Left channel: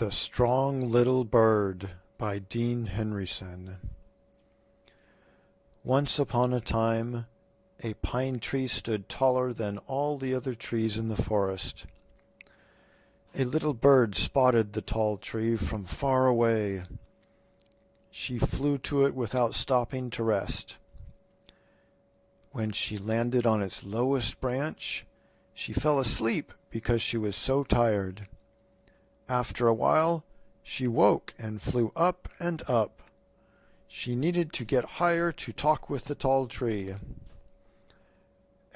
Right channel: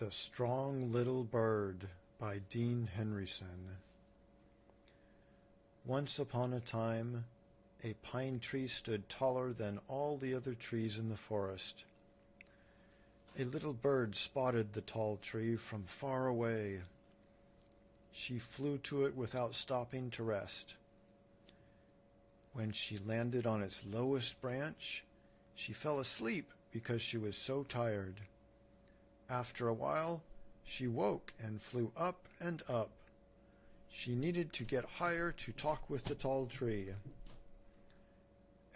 The Strong Little Bird by Dean Henryson. Once upon a time, a pine tree stood taller than all the other trees in the forest. A little bird spotted the tall tree from far away. She flew to it without stopping to rest. When she landed on its lowest branch, she fell asleep because she was so tired. After a while, she woke and flew up and up. She needed to get higher to talk with the tall tree.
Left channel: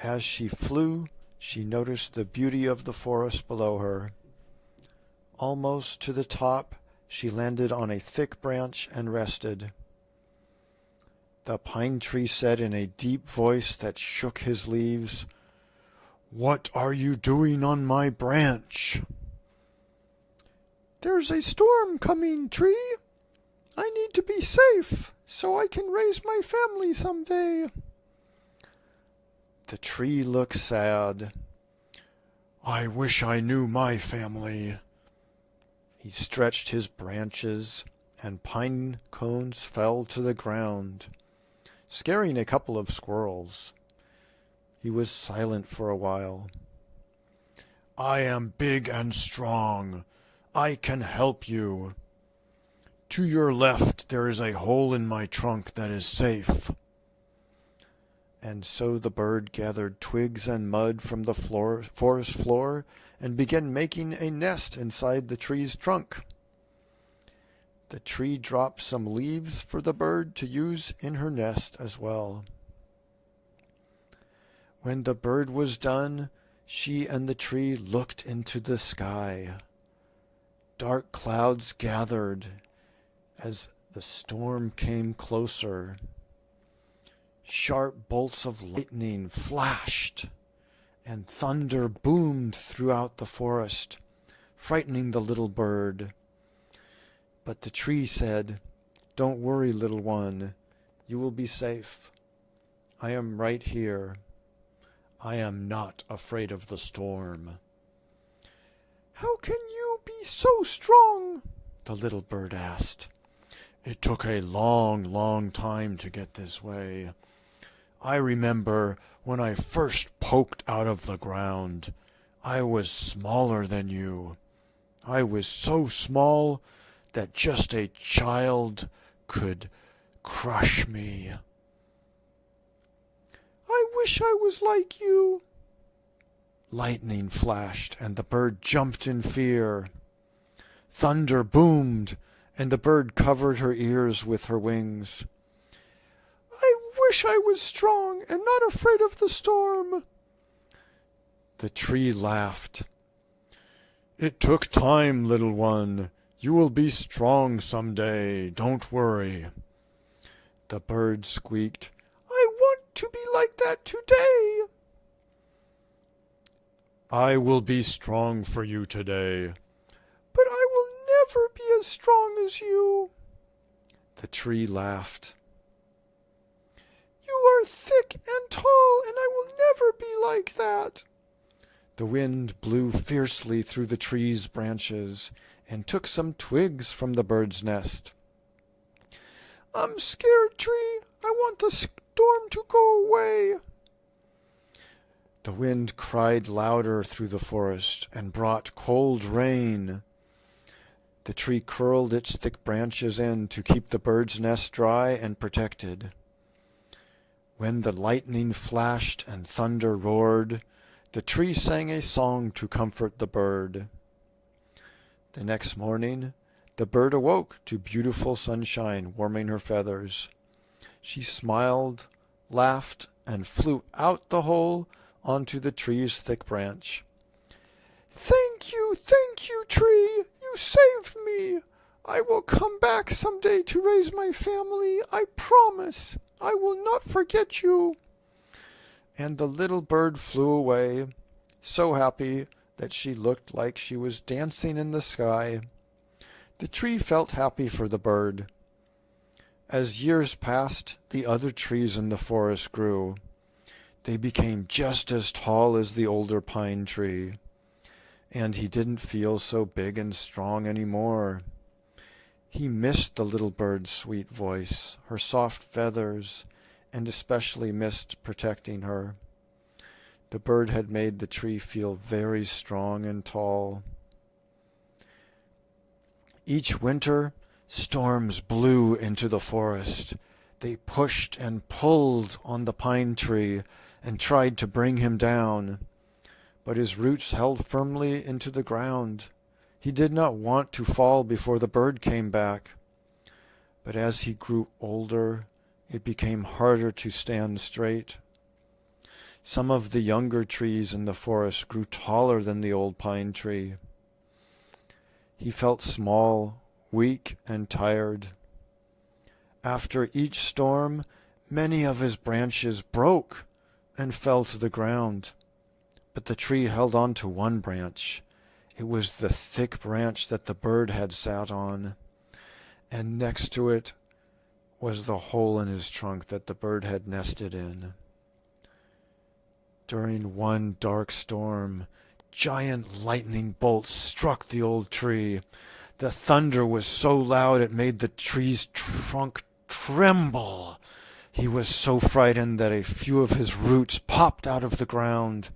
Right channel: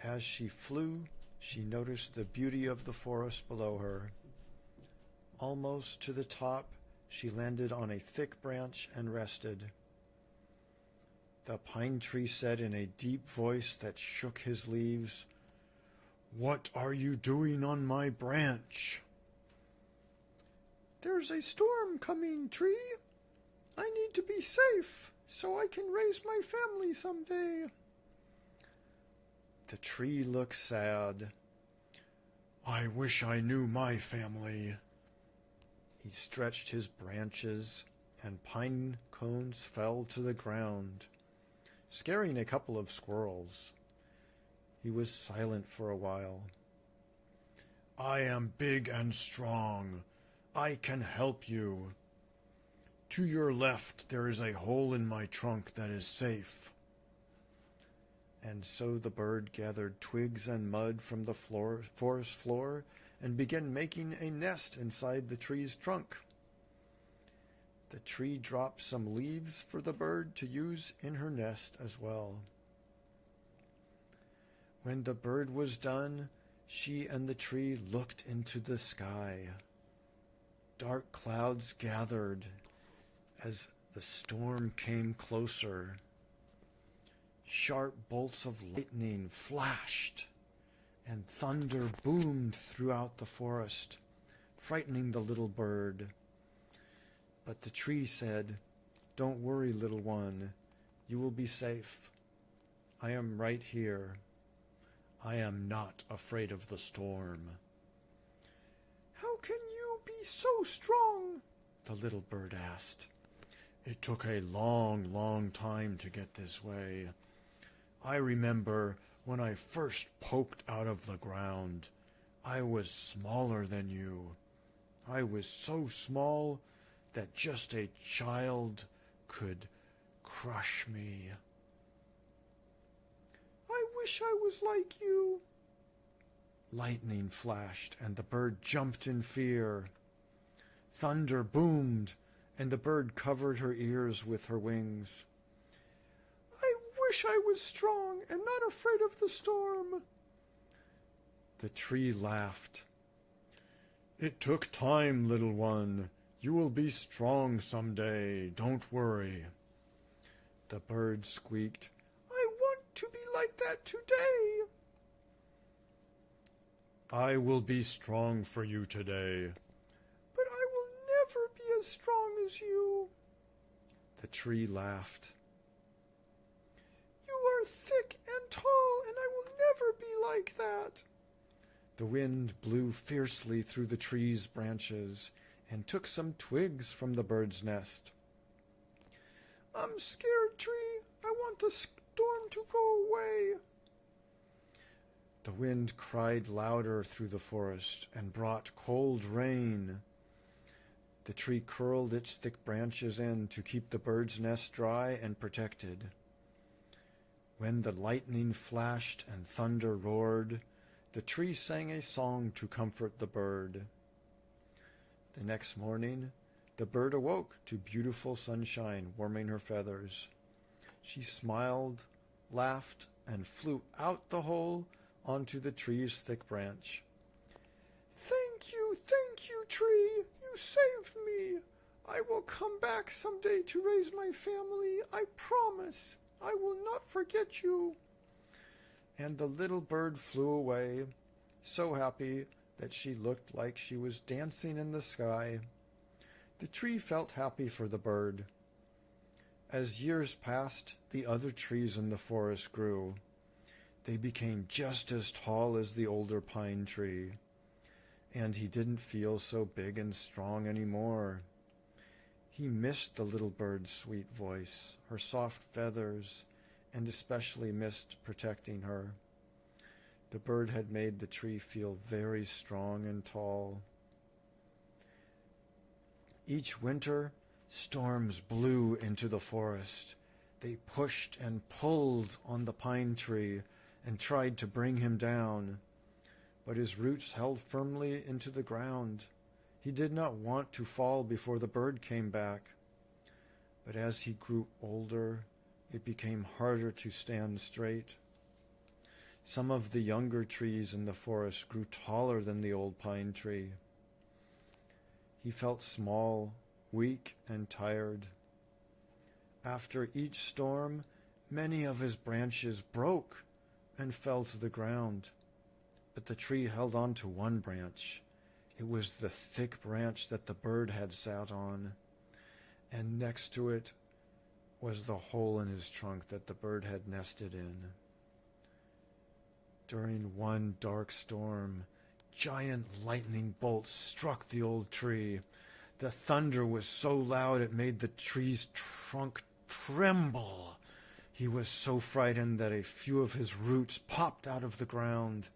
As she flew, she noticed the beauty of the forest below her. Almost to the top, she landed on a thick branch and rested. The pine tree said in a deep voice that shook his leaves, "What are you doing on my branch?" "There's a storm coming, tree. I need to be safe so I can raise my family someday." The tree looked sad. "I wish I knew my family." He stretched his branches, and pine cones fell to the ground, scaring a couple of squirrels. He was silent for a while. "I am big and strong. I can help you. To your left there is a hole in my trunk that is safe." And so the bird gathered twigs and mud from the forest floor and began making a nest inside the tree's trunk. The tree dropped some leaves for the bird to use in her nest as well. When the bird was done, she and the tree looked into the sky. Dark clouds gathered as the storm came closer. Sharp bolts of lightning flashed, and thunder boomed throughout the forest, frightening the little bird. But the tree said, "Don't worry, little one. You will be safe. I am right here. I am not afraid of the storm." "How can you be so strong?" the little bird asked. "It took a long, long time to get this way. I remember when I first poked out of the ground, I was smaller than you. I was so small that just a child could crush me." "I wish I was like you." Lightning flashed, and the bird jumped in fear. Thunder boomed, and the bird covered her ears with her wings. "I wish I was strong and not afraid of the storm." The tree laughed. "It took time, little one. You will be strong someday. Don't worry." The bird squeaked, "I want to be like that today." "I will be strong for you today." "But I will never be as strong as you." The tree laughed. "You are thick and tall, and I will never be like that." The wind blew fiercely through the tree's branches and took some twigs from the bird's nest. "I'm scared, tree. I want the storm to go away." The wind cried louder through the forest and brought cold rain. The tree curled its thick branches in to keep the bird's nest dry and protected. When the lightning flashed and thunder roared, the tree sang a song to comfort the bird. The next morning, the bird awoke to beautiful sunshine warming her feathers. She smiled, laughed, and flew out the hole onto the tree's thick branch. Thank you, tree. You saved me. I will come back someday to raise my family. I promise. I will not forget you." And the little bird flew away, so happy that she looked like she was dancing in the sky. The tree felt happy for the bird. As years passed, the other trees in the forest grew. They became just as tall as the older pine tree. and he didn't feel so big and strong anymore. He missed the little bird's sweet voice, her soft feathers, and especially missed protecting her. The bird had made the tree feel very strong and tall. Each winter, storms blew into the forest. They pushed and pulled on the pine tree and tried to bring him down, but his roots held firmly into the ground. He did not want to fall before the bird came back. But as he grew older, it became harder to stand straight. Some of the younger trees in the forest grew taller than the old pine tree. He felt small, weak, and tired. After each storm, many of his branches broke and fell to the ground. But the tree held on to one branch. It was the thick branch that the bird had sat on, and next to it was the hole in his trunk that the bird had nested in. During one dark storm, giant lightning bolts struck the old tree. The thunder was so loud it made the tree's trunk tremble. He was so frightened that a few of his roots popped out of the ground.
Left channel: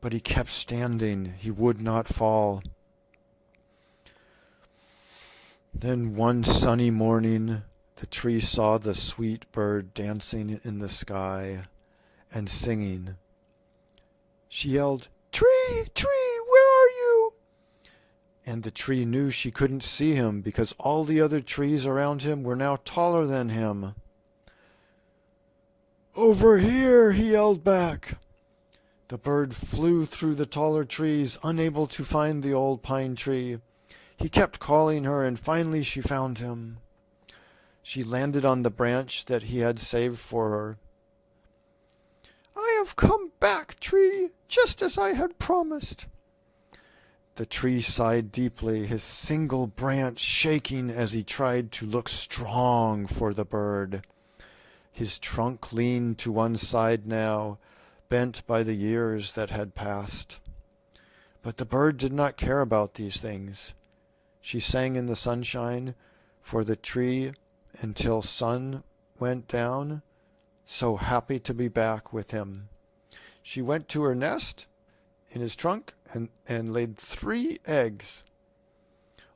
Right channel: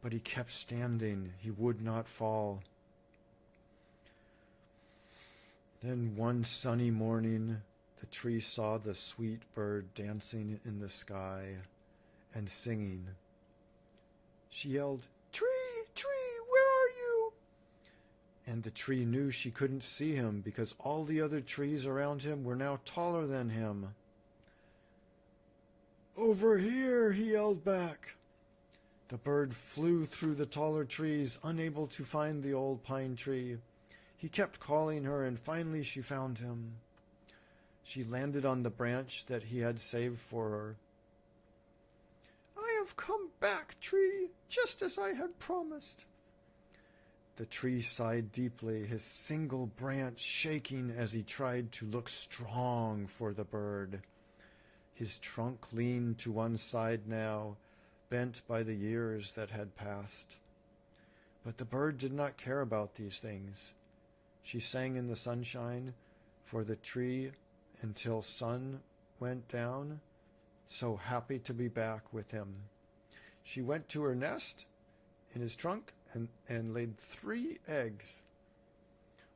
But he kept standing. He would not fall. Then one sunny morning, the tree saw the sweet bird dancing in the sky and singing. She yelled, "Tree, tree, where are you?" And the tree knew she couldn't see him because all the other trees around him were now taller than him. "Over here," he yelled back. The bird flew through the taller trees, unable to find the old pine tree. He kept calling her, and finally she found him. She landed on the branch that he had saved for her. "I have come back, tree, just as I had promised." The tree sighed deeply, his single branch shaking as he tried to look strong for the bird. His trunk leaned to one side now, bent by the years that had passed. But the bird did not care about these things. She sang in the sunshine for the tree until sun went down, so happy to be back with him. She went to her nest in his trunk and laid 3 eggs.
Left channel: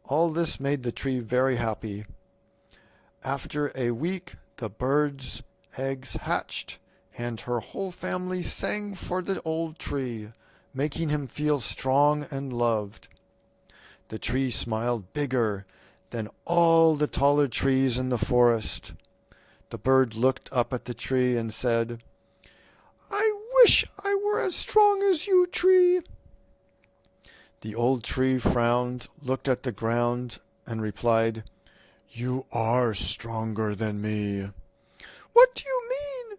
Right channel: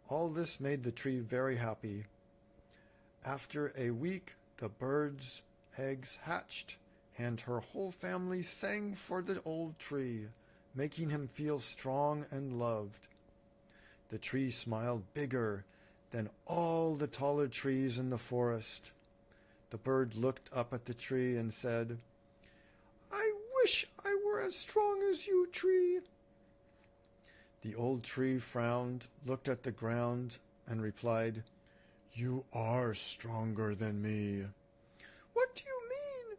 All this made the tree very happy. After a week, the bird's eggs hatched, and her whole family sang for the old tree, making him feel strong and loved. The tree smiled bigger than all the taller trees in the forest. The bird looked up at the tree and said, "I wish I were as strong as you, tree." The old tree frowned, looked at the ground, and replied, "You are stronger than me." "What do you mean?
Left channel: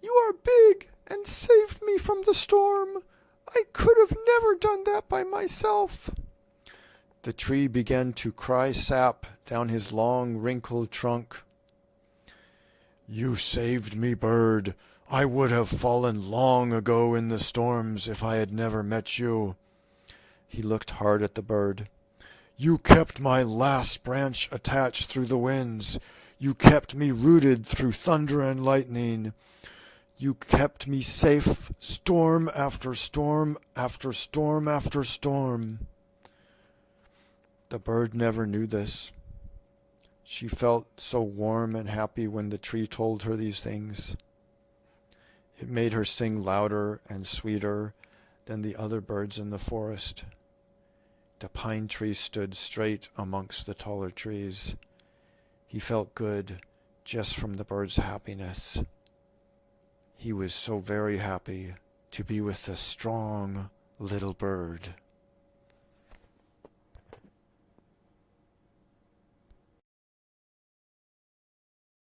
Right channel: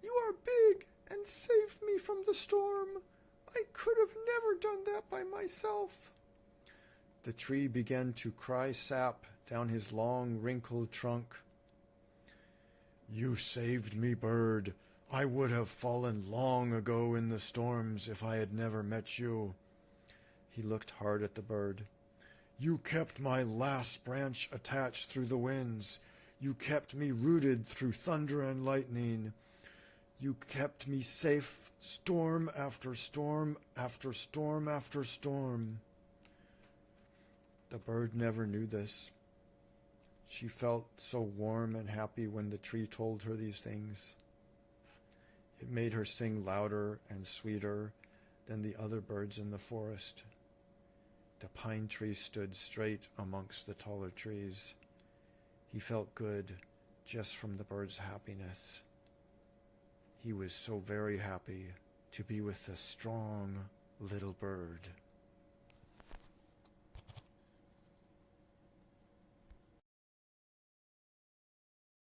You are big and saved me from the storm. I could have never done that by myself." The tree began to cry sap down his long, wrinkled trunk. "You saved me, bird. I would have fallen long ago in the storms if I had never met you." He looked hard at the bird. "You kept my last branch attached through the winds. You kept me rooted through thunder and lightning. You kept me safe, storm after storm after storm after storm." The bird never knew this. She felt so warm and happy when the tree told her these things. It made her sing louder and sweeter than the other birds in the forest. The pine tree stood straight amongst the taller trees. He felt good just from the bird's happiness. He was so very happy to be with the strong little bird.